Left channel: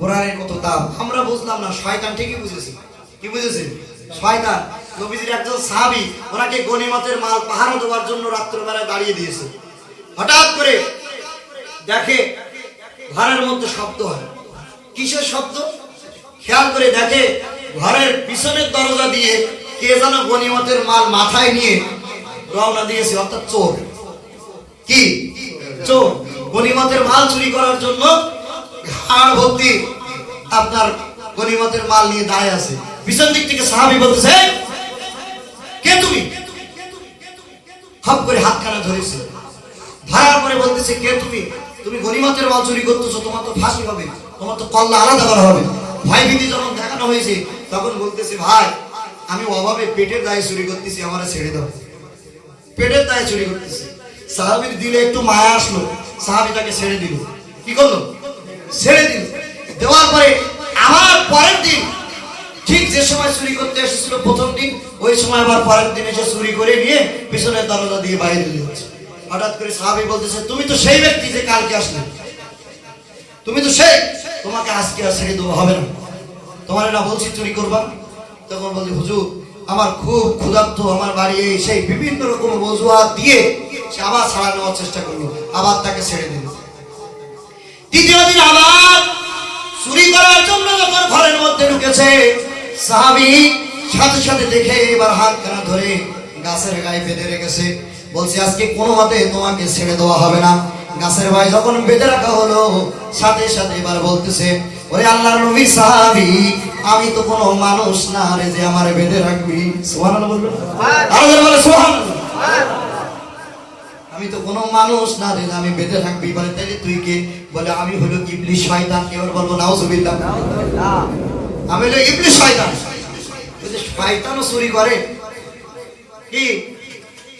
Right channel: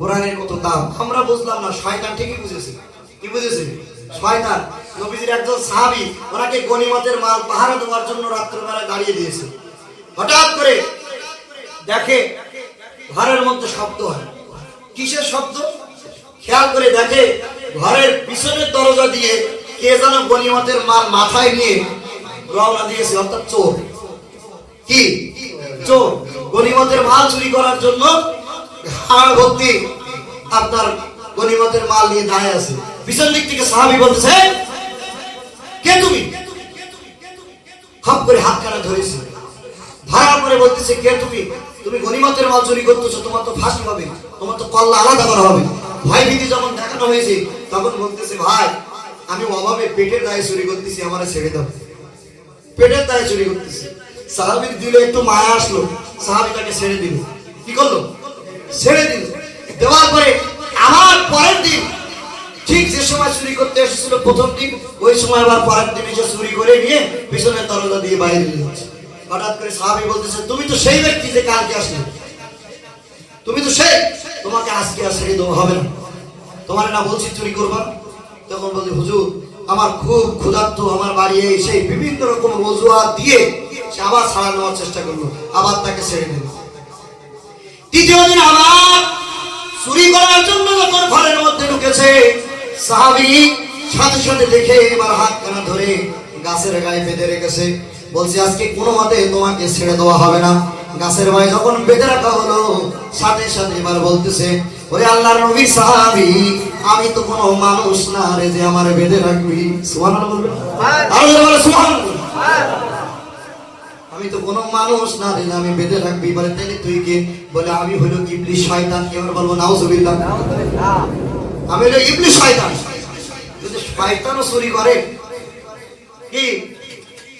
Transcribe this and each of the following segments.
কোরআনের কত দাম আমরা বুঝলাম না, শয়তান ঠিকই বুঝেছে। কি বুঝেছে? শয়তান। নবীজির একজন সাহাবী ওনাকে গনিমতের মাল পাহারা দেওয়ার জন্য রাত্রিবেলা দাঁড়িয়ে দিয়েছে। হঠাৎ করে দেখে ঘরের মধ্যে শব্দ হয়। কিসের শব্দ? খেয়াল করে দেখে ঘরের পিছনের দরজা দিয়ে কে যেন গনিমতের মাল মাথায় নিয়ে রওনা দিয়েছে, অর্থাৎ চোর। কি চোর? গনিমতের মাল চুরি করার জন্য হাড় ভর্তি আপনার গনিমতের মাল নিয়ে দাঁড়িয়ে আছে। পিছন দিক থেকে সাহাবী বলতেছে, কে তুমি? খপ করে হাতখানা ধরেছে, ধরার পরে বলতেছে, কে তুমি? তুমি গনিমতের মাল চুরি করতেছো, তোমার তো ফাঁসি হবে, তোমার তো কল্লা আলাদা করা হবে। ভয় ভীতি যখন দেখানো হয়েছে তখন বলতেছে, ভাই আমি অভাবে পেটের দায়ে চুরি করতেছি, আমারে ছেড়ে দাও। পেটের দায়ে চুরি করতেছি। সাহাবীর দিলে একটু মায়া আসলো, সাহাবী তাকে ছেড়ে দিল। কি করলো? ছেড়ে দিল। দেওয়ার পরে আবার পরের দিন ঠিক যে সময় চুরি করতে এসেছিল প্রথম দিন, ওই সময় আবার পরের দিন এসে চুরি করে নিয়ে পিছনের দরজা দিয়ে বাইরে দিল। হঠাৎ করে সাহাবী বলতেছে, তুমি তো সেই ব্যক্তি যে কালকে আসলে, তুমি তো সেই, তোমাকে আজকে আর ছেড়ে দেওয়া হবে না, তোমার না বলছি চুরি করবা। তখন বলছি, হুজুর আমার খুব ক্ষুধার্ত, আমার বাড়ি এই সেই বিভিন্ন রকম অজুহাত দিয়ে সে আবার ছাড়া নেওয়ার চেষ্টা করলো, আবার তাকে ছেড়ে দিল। তৃতীয় দিন আবার চুরি করার জন্য যখন ঘরের মধ্যে ঢুকেছে, সাহাবী সাথে সাথে দেখে এবার হাতখানা ধরে গাছের গায়ে বেঁধে রেখেছে। বলছে, আজকে কোনো মতে তোমাকে ছেড়ে দেওয়া হবে না। গাছের গায়ে যখন বেঁধে রাখা হলো, সাথে সাথে এবার বলতেছে, ওরে আল্লাহর নবীর সাহাবী, আমি তো কোনো মানুষ না রে যে আমারে বেঁধে রাখবি। সুবহানাল্লাহ বলবেন? আরে বলে সুবহানাল্লাহ। আমি তো কোনো মানুষ না রে, আমি বেঁধে রাখবি। বলে, তাইলে তুই কে? বলে, আমি হলো ইবলিস শয়তান। এবার বলবো নাউজুবিল্লাহ, আমি হলো ইবলিস শয়তান। যদি শয়তানও চুরি করে, কি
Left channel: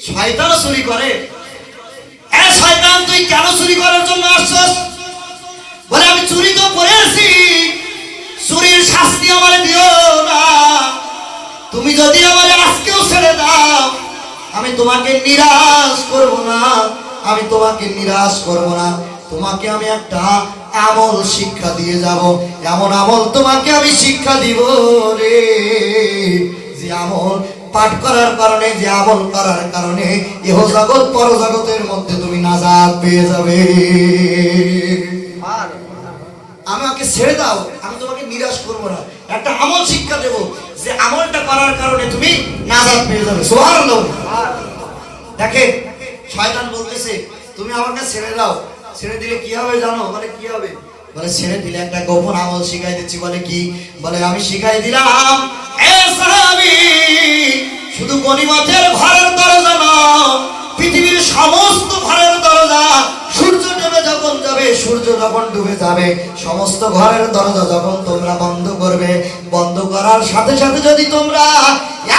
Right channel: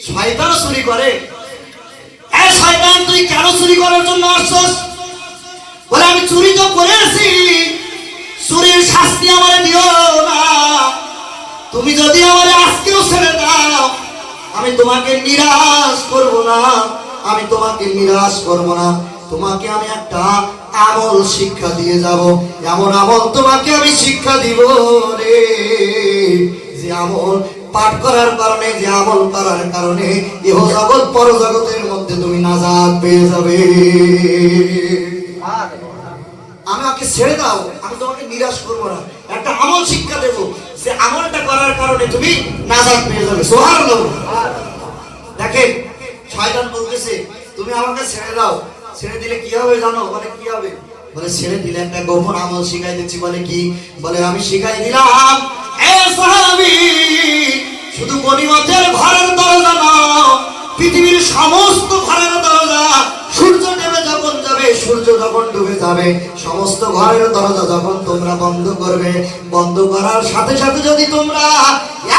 শয়তানও চুরি করে? এ শয়তান, তুই কেন চুরি করার জন্য আসছস? বলে, আমি চুরি তো করেছি, চুরির শাস্তি আমারে দিও না। তুমি যদি আমারে আজকেও ছেড়ে দাও, আমি তোমাকে নিরাশ করব না, আমি তোমাকে নিরাশ করব না। তোমাকে আমি একটা আমল শিক্ষা দিয়ে যাব, এমন আমল তোমাকে আমি শিক্ষা দিব রে, যে আমল পাঠ করার কারণে, যে আমল করার কারণে ইহ জগৎ পর জগতের মধ্যে তুমি নাজাত পেয়ে যাবে। আমাকে ছেড়ে দাও, আমি তোমাকে নিরাশ করবো না, একটা আমল শিক্ষা দেব, যে আমলটা করার কারণে তুমি নাজাত পেয়ে যাবে। সুবহানাল্লাহ। দেখেন শয়তান বলতেছে, তুমি আমাকে ছেড়ে দাও, ছেড়ে দিলে কি হবে জানো? বলে, কি হবে? বলে, ছেড়ে দিলে একটা গোপন আমল শিখাই দিচ্ছি। বলে, কি? বলে, আমি শিখাই দিলাম, এ সাহাবী, শুধু গনিমতের ঘরের দরজা না, পৃথিবীর সমস্ত ঘরের দরজা সূর্য ডুবে যখন যাবে, সূর্য যখন ডুবে যাবে, সমস্ত ঘরের দরজা যখন তোমরা বন্ধ করবে, বন্ধ করার সাথে সাথে যদি তোমরা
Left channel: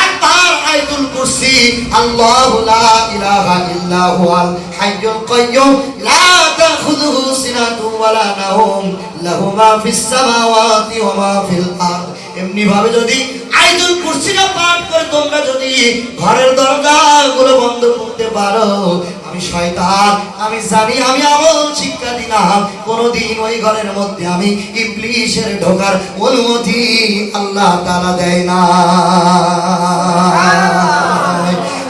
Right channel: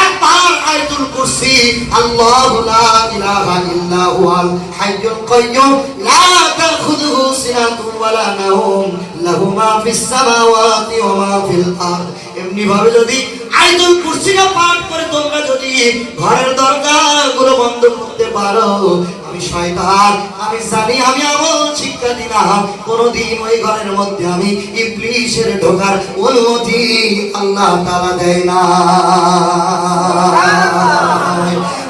একবার আয়াতুল কুরসি, আল্লাহু লা ইলাহা ইল্লা হুয়াল হাইয়ুল কাইয়্যুম লা তাখুযুহু সিনাতুন ওয়ালা নাওম লাহু মা ফিস সামাওয়াতি ওয়া মা ফিল আরদ, এমনি ভাবে যদি আয়াতুল কুরসিটা পাঠ করে তোমরা যদি ঘরের দরজাগুলো বন্ধ করতে পারো, আমি শয়তান, আমি জানি, আমি আমল শিক্ষা দিলাম, কোনদিন ওই ঘরের মধ্যে আমি ইবলিসের ঢোকার অনুমতি আল্লাহ তাআলা দেয় না।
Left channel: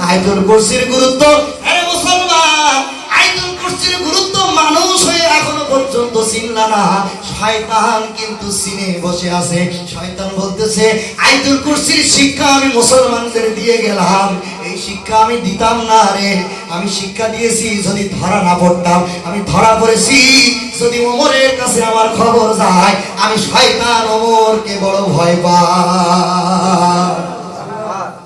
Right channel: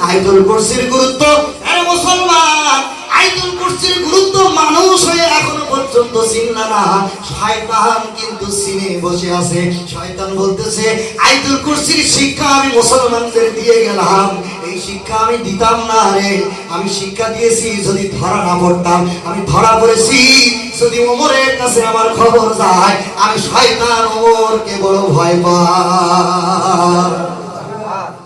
আয়াতুল কুরসির গুরুত্ব, মুসলমান, আয়াতুল কুরসির গুরুত্ব মানুষ হয়ে এখনো পর্যন্ত চিনলা না, শয়তান কিন্তু চিনে বসে আছে। শয়তান বলতেছে, আয়াতুল কুরসির শিক্ষা আমি মুসলমানদের দিয়ে গেলাম, এই শিক্ষা আমি দিতাম না রে, আমি শিক্ষা দিয়েছি যদি ধরা না পড়তাম, আমি ধরা পড়েছি যদি ওমরের কাছে আমার খবর যায়, আমি শয়তান ওমরকে বড় ভয় পাই।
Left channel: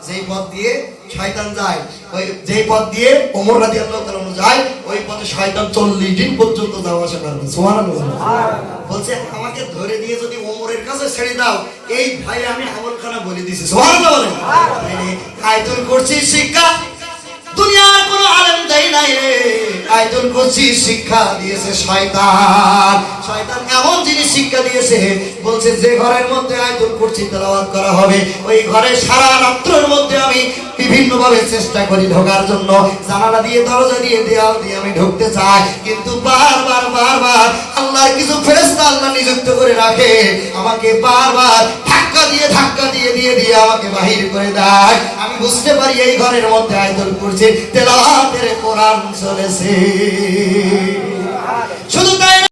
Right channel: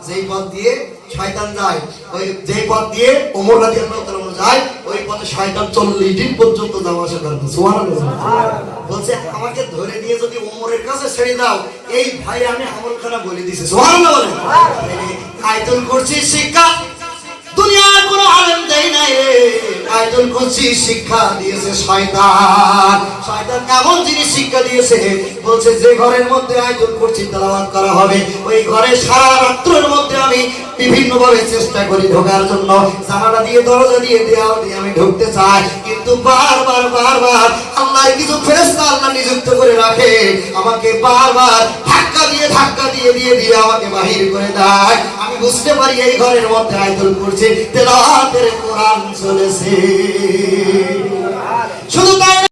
যেই পথ দিয়ে শয়তান যায়, ওই যে পথ দিয়ে ওমর রাদিয়াল্লাহু তাআলা যায়, ওই পথে শয়তান 40 দিন পর্যন্ত যাওয়া আসা করবে। সুবহানাল্লাহ। বলছে, আমাকে ধরে দিয়ে যদি ওমরের কাছে ছেড়ে দাও, এই ভাই আমি আমলখানা বলে দিয়েছি। সুবহানাল্লাহ। আয়াতুল কুরসির শিক্ষা দুনিয়ার কোনো আলেম দেয় নাই, আয়াতুল কুরসির শিক্ষা দিয়েছে শয়তান। শয়তান এমন জিনিস শিক্ষা দিয়েছে, বলছে যে ঘরের মধ্যে আয়াতুল কুরসি তেলাওয়াত করা হবে, ওই ঘরে সারা রাত্রের মধ্যে আমি বিভিন্ন ভাবে চেষ্টা করি ঢোকার জন্য, জানালা দিয়ে, দরজা দিয়ে, দেওয়াল দিয়ে আমি ঢুকতে চাই, কিন্তু বারবার বারবার আল্লাহর কিছু ফেরেশতা আল্লাহ নিযুক্ত করে রাখে, আমাকে বারবার ধাক্কা দিয়ে আমাকে বাহির করে দেয়। আমি বুঝতে পারি এই ঘরের মধ্যে আয়াতুল কুরসি তেলাওয়াতের কোরআন চলেছে।